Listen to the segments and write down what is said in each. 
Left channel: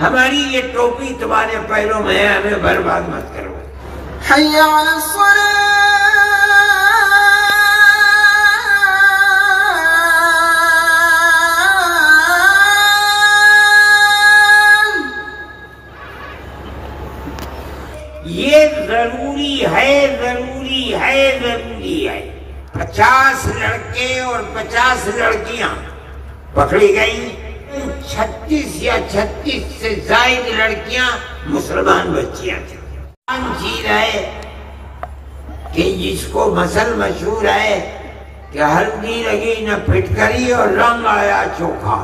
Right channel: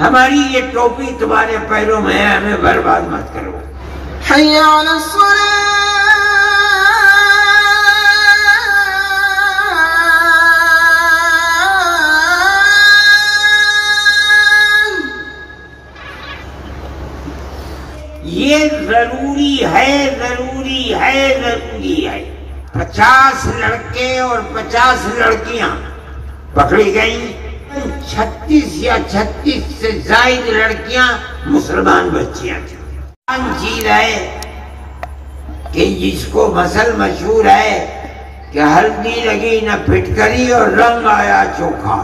ہماری یہ ٹوپی تمہارے پیروں میں ہے، ہمیں برباد مت کرو۔ حی علی الصلاۃ یہ ضروری ہے، ضروری ہے، ضروری ہے۔ 50 لڑکے اور 50 لڑکیاں پکڑی گئیں، 36 یا 36 سے زائد لڑکیاں مسلمان بچیاں تھیں۔ عام چیز ہے کہ جس کو مثل مشہور ہے کہ ہلدی لگی نہ پھٹکری اور رنگ آیا چوکھا،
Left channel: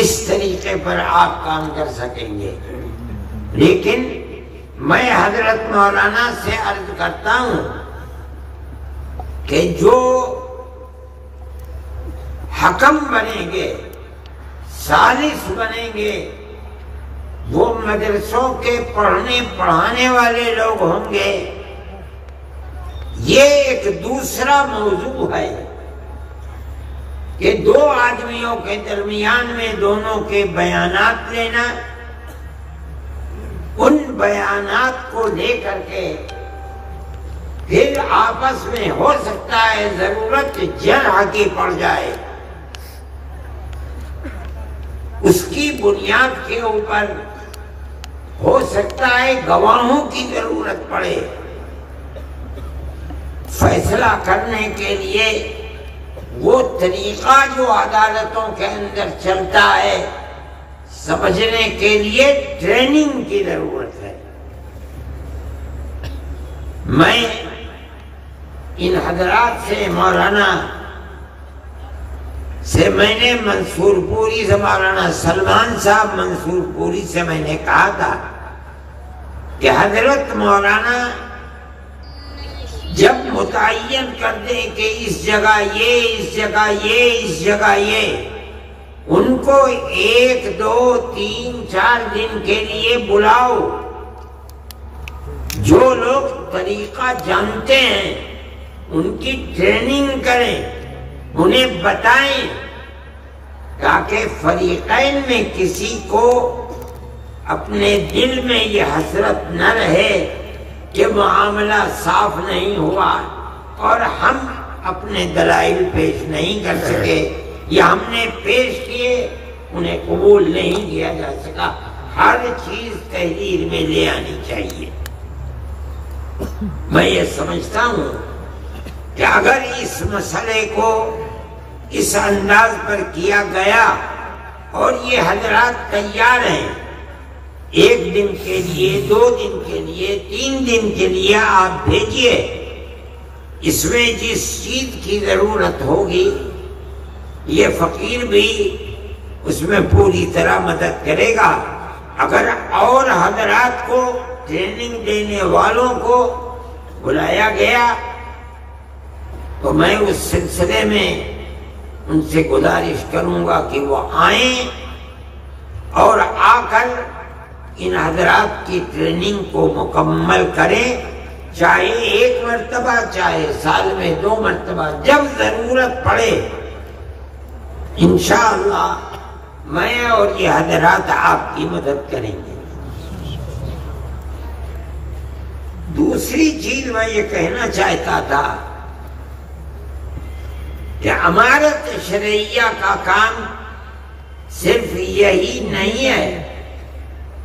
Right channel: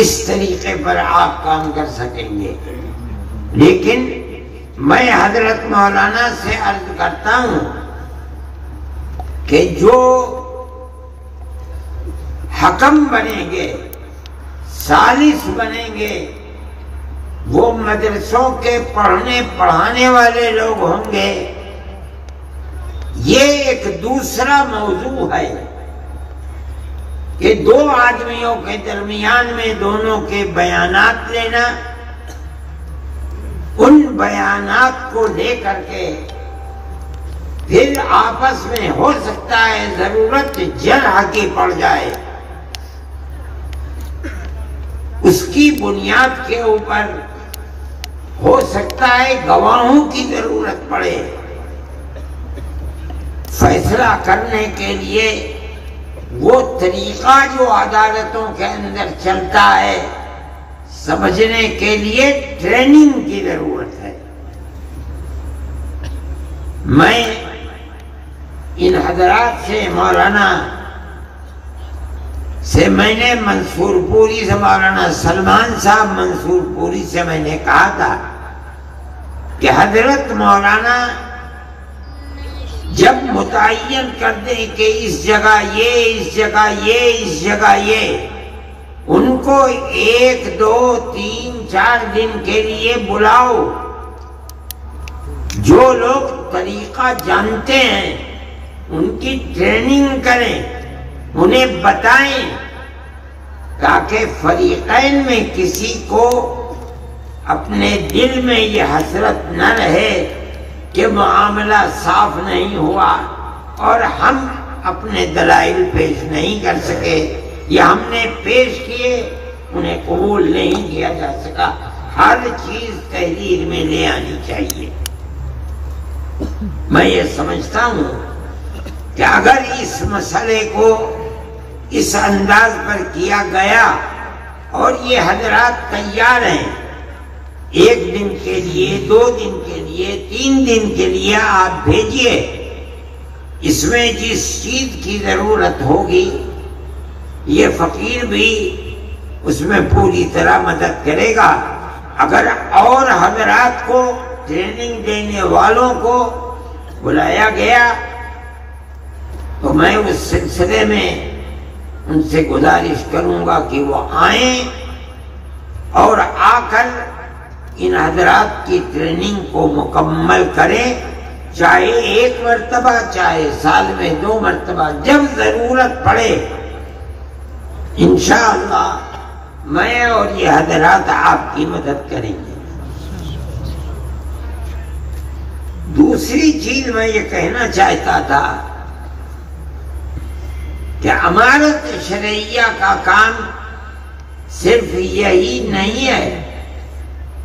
اس طریقے پر آپ کام کر سکیں گے۔ لیکن میں حضرت مولانا سے عرض کرتا ہوں کہ جو حکم بنیں گے، ثالث بنیں گے، وہ مدرسوں کے پڑھنے پڑھانے والے لوگ ہوں گے۔ یہ ایک دوسرا موضوع ہے کہ دو آدمیوں کے درمیان میں دونوں کے بیانات لینا، ان بیانات کو لے کر کے پھر آپس میں ہو سکتا ہے ضرورت جرح کی پڑ جائے، اس کی بنیاد کے اوپر ہو سکتا ہے گواہوں کی ضرورت پڑے۔ فیصلہ کرنے کے لیے وہ طریقہ جو عدالتوں کے اندر چلتا ہے، سمجھنے کے لیے ٹریننگ کی ضرورت ہے۔ میں ان حضرات سے، مولانا سے میں نے منصور پوری سے، مولانا سلمان صاحب منصور پوری سے میں نے کہا تھا کہ حضرت مولانا جب متعین کر دیں کہ اس جگہ یہ، اس جگہ یہ، اس جگہ یہ، ان کو 1 2 3 4 دن کے لیے بلاؤ۔ جو لوگ طریقہ جانتے ہیں ان کی ٹریننگ کریں، انہیں بتائیں، تاکہ فریقین میں کسی کو اپنے دل میں یہ حسرت نہ رہے کہ معاملہ صاف نہیں ہوا اور ہم اپنے دلائل پیش نہیں کر سکے، یا ہم نے پیش کیے انہیں قبول نہیں کیا جا سکا۔ ہر چیز تحریر میں لے آنی چاہیے۔ میں یہ سمجھتا ہوں کہ اگر اس مسئلے کو اس انداز پر کیا گیا اور یہ حضرات تیار ہیں، 1 دن کے لیے، 2 دن کے لیے، 3 دن کے لیے آپ بھیجئے، اس میں جس چیز کی ضرورت ہوگی یہ فقیر بھی اس میں پوری طرح مدد کرے گا۔ اگر اور حضرات کو، ٹریننگ دینے والوں کو بلایا گیا تو میں اس سلسلے میں ان سے گزارش کروں گا کہ وہ آئیں اور آ کر ان حضرات کی ٹریننگ کو مکمل کریں، چاہے 1 مرتبہ، چاہے سال میں 2 مرتبہ، جب ضرورت پڑے انشاءاللہ میں اور یہ حضرات آپ کی مدد کریں گے۔ دوسری چیز میں یہ کہنا چاہتا تھا کہ امارت شرعیہ کا کام صرف یہی نہیں ہے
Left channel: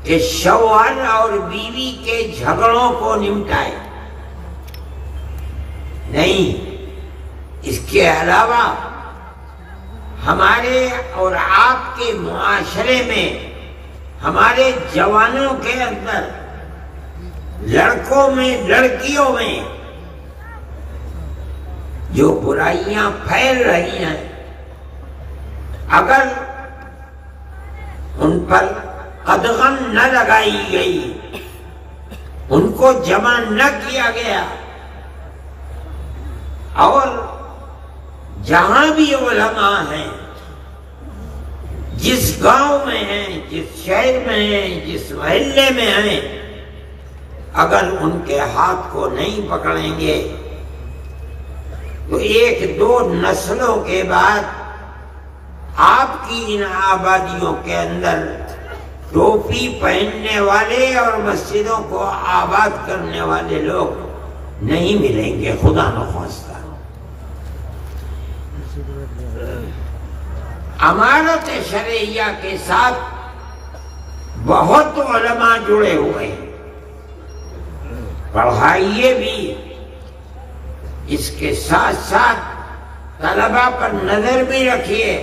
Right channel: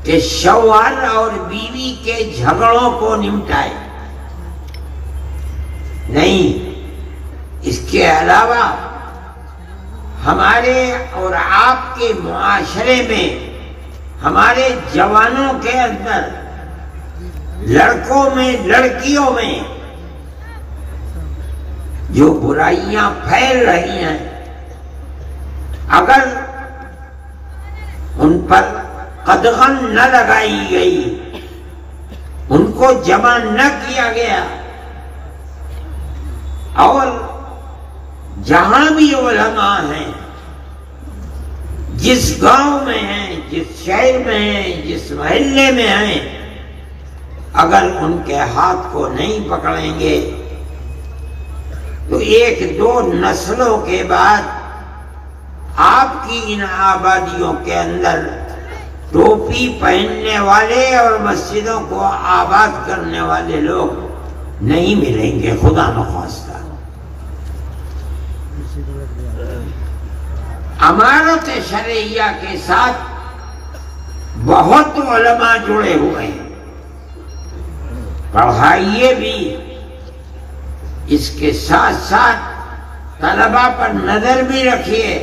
کہ شوہر اور بیوی کے جھگڑوں کو نمٹائے، نہیں، اس کے علاوہ ہمارے اور آپ کے معاشرے میں، ہمارے جوانوں کے اندر، لڑکوں میں، لڑکیوں میں جو برائیاں پھیل رہی ہیں، اگر ان پر قدغن نہ لگائی گئی، ان کو جمع نہ کیا گیا، اور جہاں بھی علماء ہیں، جس گاؤں میں ہیں، جس شہر میں ہیں، جس محلے میں ہیں، اگر ان کے ہاتھ کو نہیں پکڑیں گے تو 1 2 نسلوں کے بعد آپ کی ان آبادیوں کے اندر ٹوپی پہننے والے اور مسجدوں کو آباد کرنے والے لوگ نہیں ملیں گے، خدا نخواستہ۔ امارت شرعیہ کے ساتھ بہت علماء جڑے ہوئے ہیں، پڑھائیے بھی، اس کے ساتھ ساتھ طلباء پر نظر بھی رکھیے،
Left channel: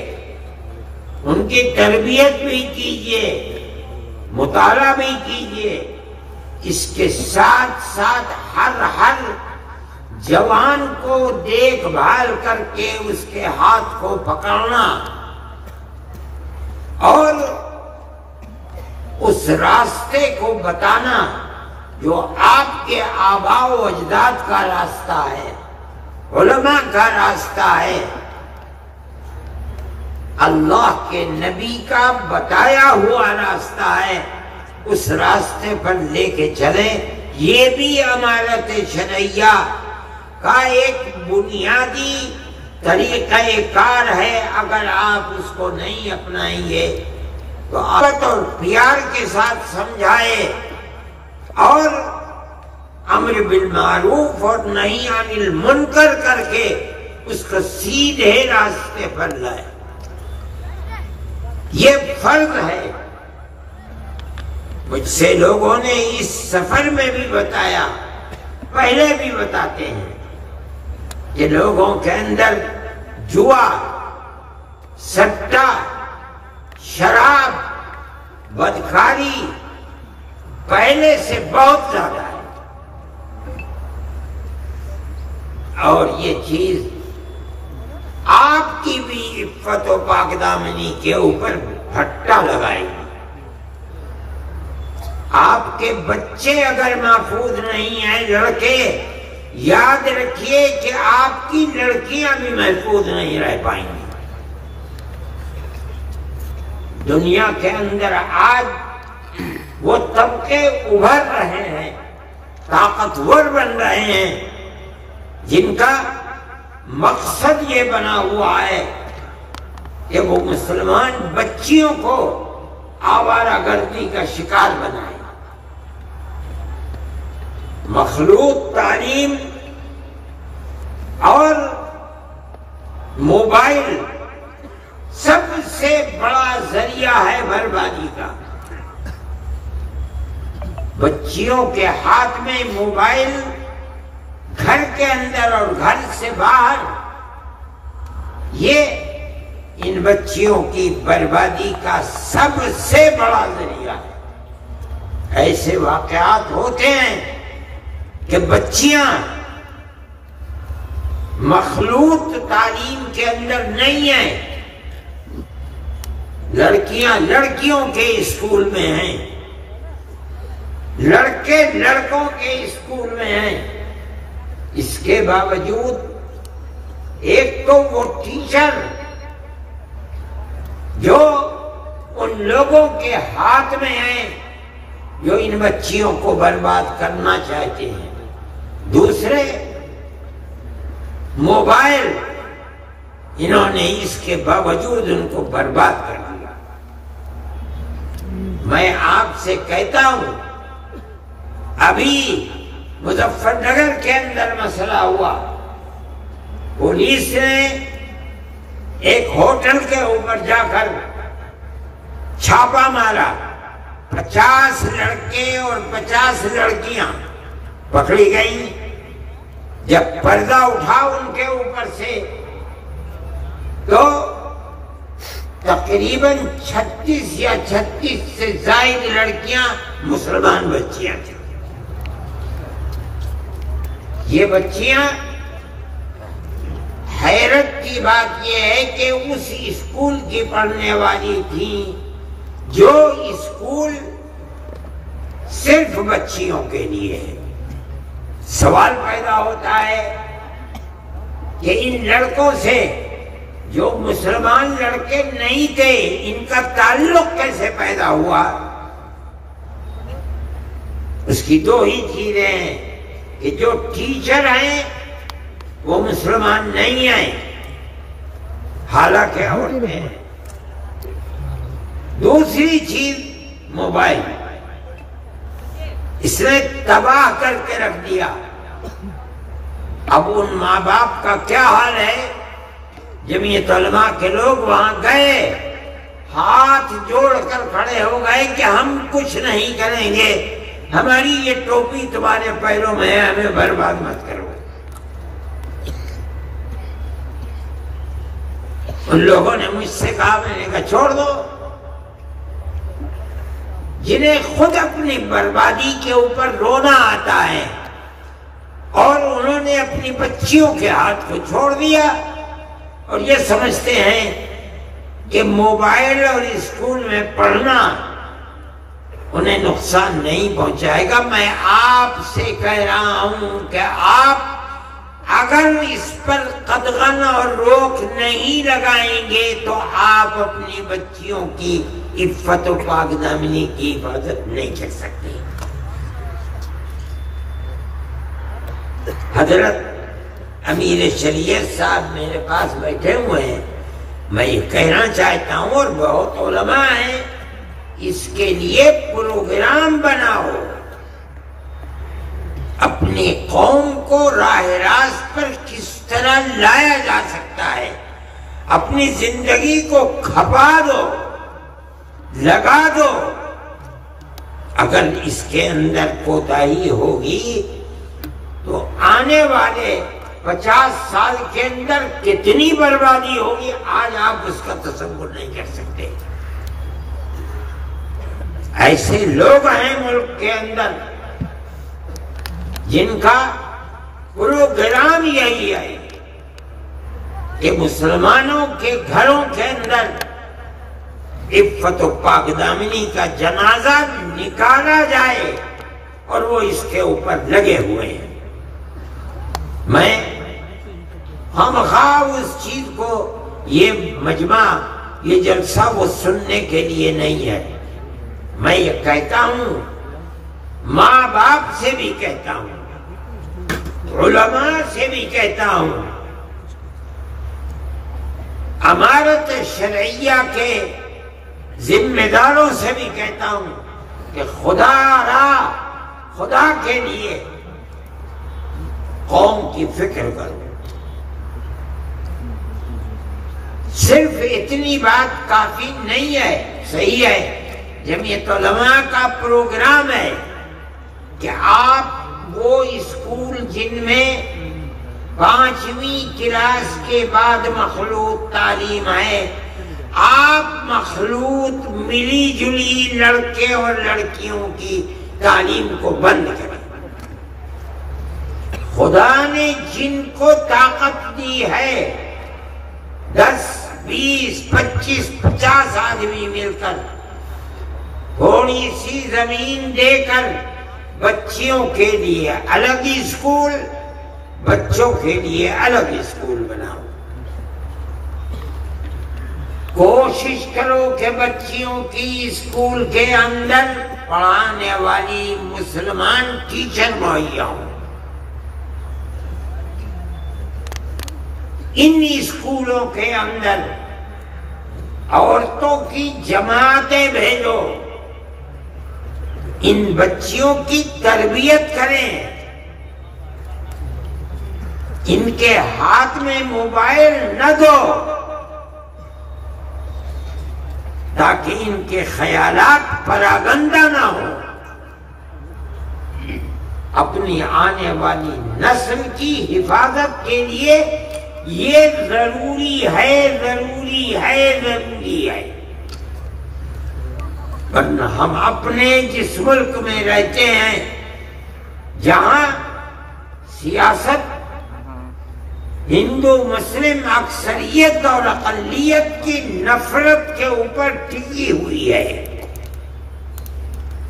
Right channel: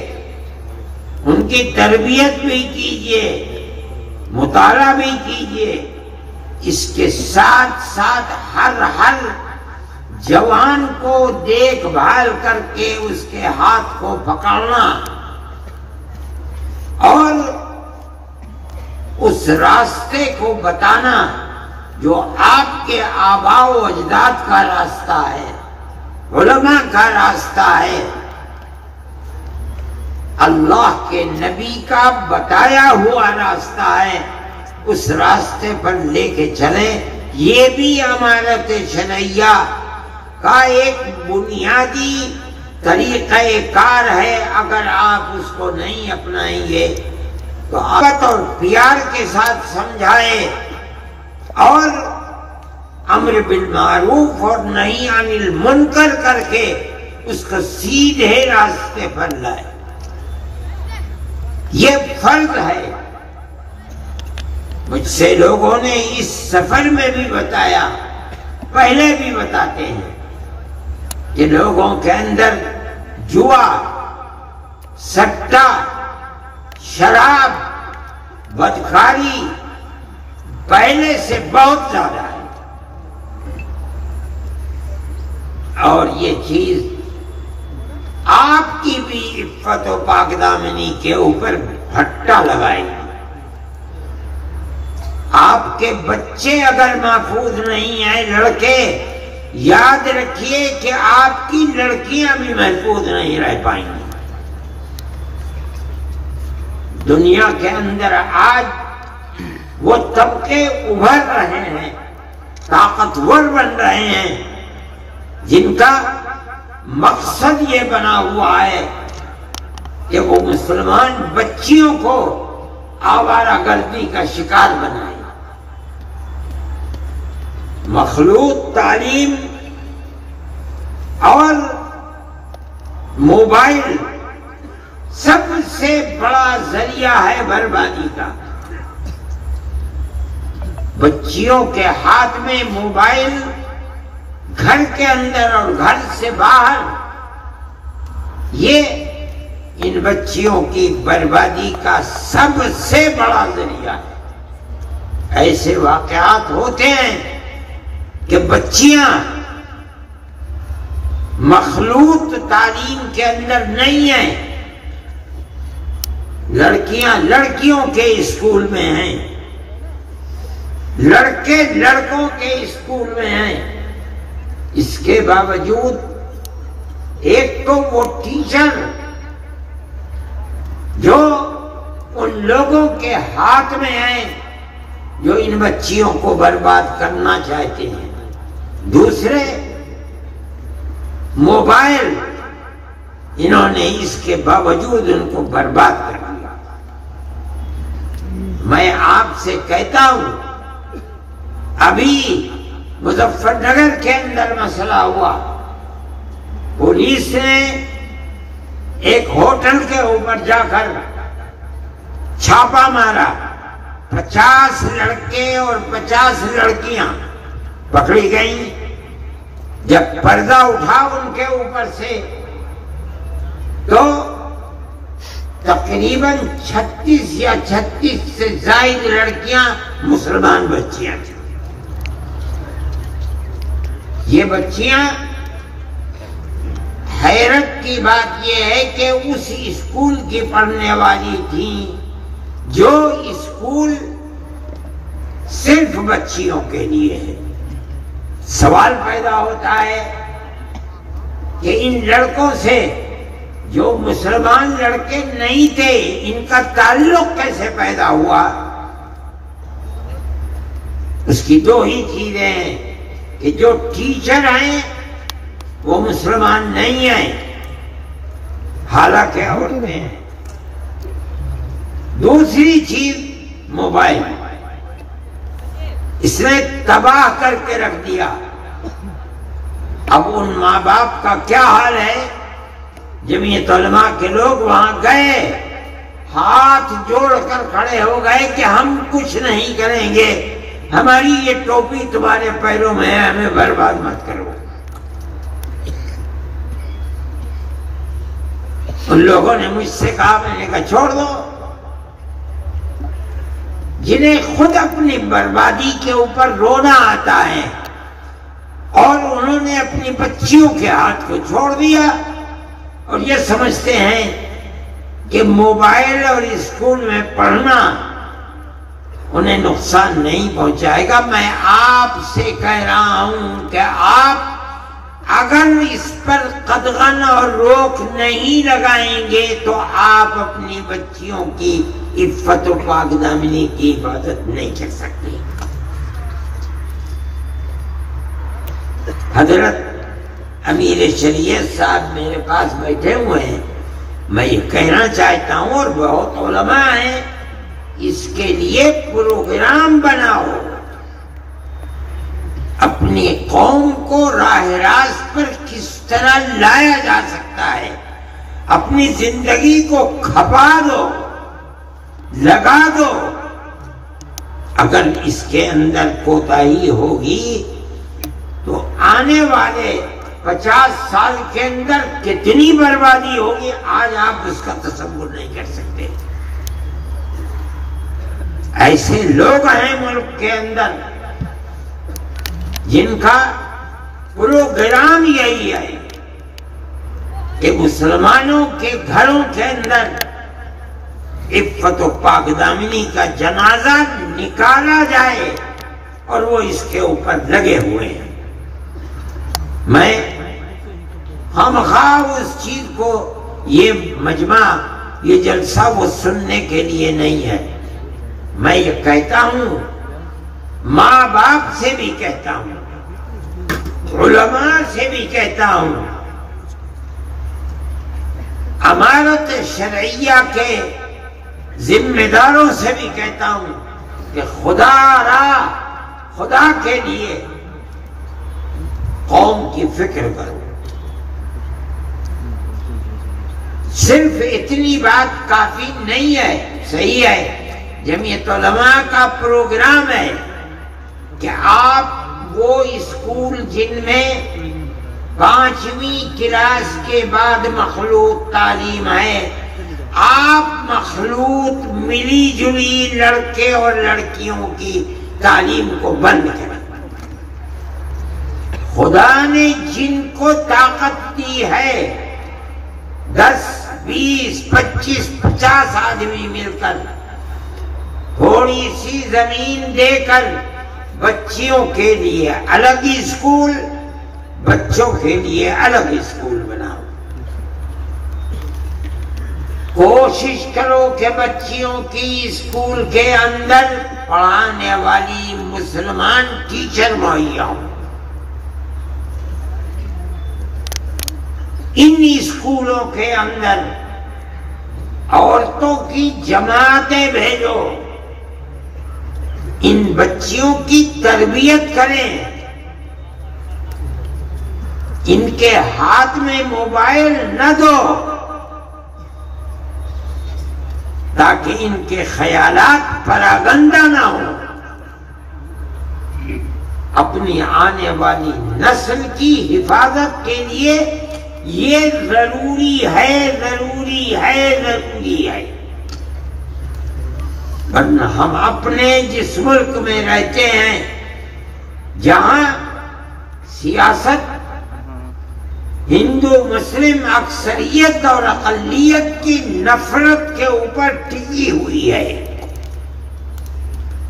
ان کی تربیت بھی کیجیے، مطالعہ بھی کیجیے۔ اس کے ساتھ ساتھ ہر جوان کو دیکھ بھال کر کے اس کے ہاتھ کو پکڑنا اور اس راستے کو بتانا جو آپ کے آباء و اجداد کا راستہ ہے، علماء کا راستہ ہے، اللہ کے نبی کا بتایا ہوا راستہ ہے، اس راستے پر لے کے چلیں۔ یہ بھی امارت شرعیہ کا ایک بنیادی طریقہ کار ہے۔ اگر آپ اس کو نہیں اپنائیں گے تو محبت اور پیار کے ساتھ سمجھائے اور امر بالمعروف اور نہی عن المنکر کر کے اس کو سیدھے راستے پر لائے، یہ فرض ہے۔ مجھ سے لوگوں نے اس سفر میں بھی بتایا، پہلے بھی بتاتے ہیں کہ لوگوں کے اندر جوا، سٹا، شراب، بدکاری پہلے سے بہت زیادہ ہے، اور یہ چیز آپ کی بھی عفت و پاک دامنی کے اوپر بھٹا لگائے گی۔ آپ کے بچے اگر محفوظ نہیں ہیں، لڑکے، یاد رکھیے کہ آپ کی لڑکیاں بھی محفوظ نہیں رہ پائیں گی۔ دنیا کے اندر آج وہ طبقے ابھر رہے ہیں، طاقتور بن رہے ہیں، جن کا مقصد یہ بنا ہوا ہے کہ وہ مسلمان بچیوں کو آوارہ گردی کا شکار بنائے۔ مخلوط تعلیم اور موبائل سب سے بڑا ذریعہ ہے بربادی کا۔ بچیوں کے ہاتھ میں موبائل، گھر کے اندر اور گھر سے باہر، یہ ان بچیوں کی بربادی کا سب سے بڑا ذریعہ ہے۔ ایسے واقعات ہوتے ہیں کہ بچیاں مخلوط تعلیم کے اندر نہیں ہیں، لڑکیاں لڑکیوں کے اسکول میں ہیں، لڑکے لڑکوں کے اسکول میں ہیں۔ اس کے باوجود ایک تو وہ ٹیچر جو ان لوگوں کے ہاتھ میں ہیں جو ان بچیوں کو برباد کرنا چاہتے ہیں، دوسرے موبائل، انہوں نے اس کے باوجود ان کو برباد کر دیا۔ میں آپ سے کہتا ہوں، ابھی مظفر نگر کے اندر مسئلہ ہوا، پولیس نے ایک ہوٹل کے اوپر جا کر چھاپا مارا، 50 لڑکے اور 50 لڑکیاں پکڑی گئیں۔ جب پردہ اٹھا ان کے اوپر سے تو تقریباً 36 یا 36 سے زائد لڑکیاں مسلمان بچیاں تھیں۔ یہ بچیاں، حیرت کی بات یہ ہے کہ اس اسکول کی پڑھنے والی تھیں جو اسکول صرف بچیوں کے لیے ہے۔ سوال پیدا ہوتا ہے کہ ان لڑکوں سے جو مسلمان لڑکے نہیں تھے، ان کا تعلق کیسے پیدا ہوا؟ اس کی دو ہی چیزیں ہیں کہ جو ٹیچر ہیں وہ مسلمان نہیں ہیں، حالانکہ عورتیں دوسری چیز موبائل، اس نے تباہ کر کے رکھ دیا۔ اب ان ماں باپ کا کیا حال ہے؟ جمعیت علماء کے لوگ وہاں گئے، ہاتھ جوڑ کر کھڑے ہو گئے کہ ہم کچھ نہیں کریں گے، ہماری یہ ٹوپی تمہارے پیروں میں ہے، ہمیں برباد مت کرو۔ ان لوگوں نے مجھ سے کہا، میں نے کہا چھوڑ دو۔ جنہیں خود اپنی بربادی کے اوپر رونا آتا ہے اور انہوں نے اپنی بچیوں کے ہاتھ کو چھوڑ دیا اور یہ سمجھتے ہیں کہ موبائل اور اسکول میں پڑھنا انہیں نقصان نہیں پہنچائے گا۔ میں آپ سے کہہ رہا ہوں کہ آپ اگر اس پر قدغن اور روک نہیں لگائیں گے تو آپ اپنی بچیوں کی عفت و پاک دامنی کی حفاظت نہیں کر سکتے۔ حضرت امیر شریعت صاحب میرے پاس بیٹھے ہوئے ہیں، میں یہ کہنا چاہتا ہوں، اور بہت علماء ہیں، اس کے لیے پروگرام بناؤ، اپنی قوم کو راہ راست پر کس طرح لایا جا سکتا ہے، اپنی زندگی کو کھپا دو، لگا دو۔ اگر اس کے اندر کوتاہی ہوگی تو آنے والے 50 سال کے اندر کتنی بربادی ہوگی، آج آپ اس کا تصور نہیں کر سکتے۔ ایسے لوگ ہیں ملک کے اندر جن کا پروگرام یہی ہے کہ مسلمانوں کے گھروں کے اندر عفت و پاک دامنی کا جنازہ نکالا جائے، اور وہ اس کے اوپر لگے ہوئے ہیں۔ میں خواہ اس چیز کو، یہ مجمع، یہ جلسہ وہ سننے کے لیے نہیں ہے، میں یہ کہتا ہوں، ماں باپ سے بھی کہتا ہوں، علماء سے بھی کہتا ہوں، امارت شرعیہ کے ذمہ داروں سے بھی کہتا ہوں کہ خدا کے لیے قوم کی فکر کرو۔ صرف اتنی بات کافی نہیں ہے، صحیح ہے، جمعیت علماء کا پروگرام ہے کہ آپ وہ اسکول جن میں 5ویں کلاس کے بعد مخلوط تعلیم ہے، آپ مخلوط ملی جلی لڑکے اور لڑکیوں کی تعلیم کو بند کریں۔ خدا نے جن کو طاقت دی ہے، 10 20 25 50 آدمی مل کر تھوڑی سی زمین دے کر بچیوں کے لیے الگ اسکول، بچوں کے لیے الگ اسکول بناؤ۔ کوشش کرو کہ بچیوں کی اسکول کے اندر پڑھانے والی مسلمان ٹیچر مہیا ہوں۔ ان اسکولوں کے اندر عورتوں کی جماعتیں بھیجو، ان بچیوں کی تربیت کریں، ان کے ہاتھ میں موبائل نہ دو تاکہ ان کے خیالات پراگندہ نہ ہوں۔ اپنی آنے والی نسل کی حفاظت کے لیے یہ ضروری ہے، ضروری ہے، ضروری ہے۔ ورنہ ہم اپنے جس ملک میں رہتے ہیں جہاں سیاست ہندو مسلم اکثریت اور اقلیت کی نفرت کے اوپر ٹکی ہوئی ہے،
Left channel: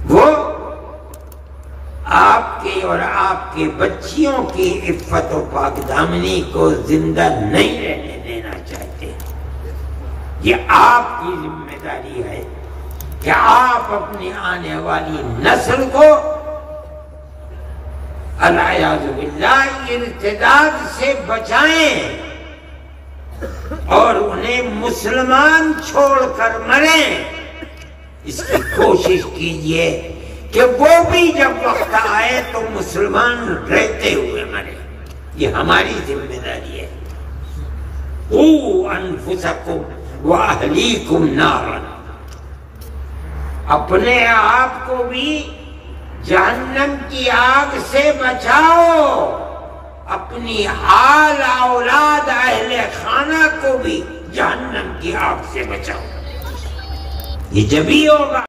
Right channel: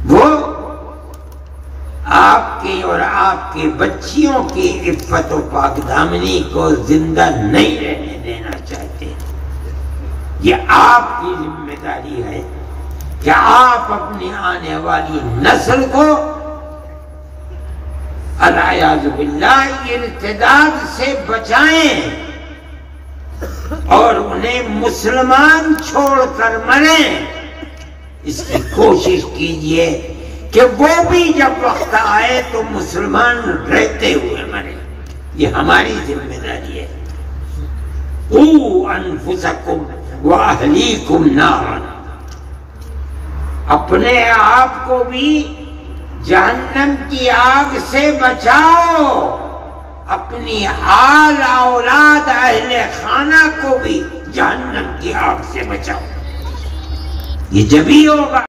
وہ آپ کی اور آپ کے بچیوں کی عفت و پاک دامنی کو زندہ نہیں رہنے دینا چاہتے۔ یہ آپ کی ذمہ داری ہے کہ آپ اپنی آنے والی نسل کو العیاذ باللہ ارتداد سے بچائیں اور انہیں مسلمان چھوڑ کر مریں، اس کی کوشش کیجئے کہ وہ بھی جب وقت آئے تو مسلمان رہتے ہوئے مرے. یہ ہماری ذمہ داری ہے. قُوا أَنفُسَكُمْ وَأَهْلِيكُمْ نَارًا. اپنے آپ کو بھی جہنم کی آگ سے بچاؤ، اپنی آل اولاد اہل خانہ کو بھی جہنم کی آگ سے بچاؤ. یہ جبھی ہوگا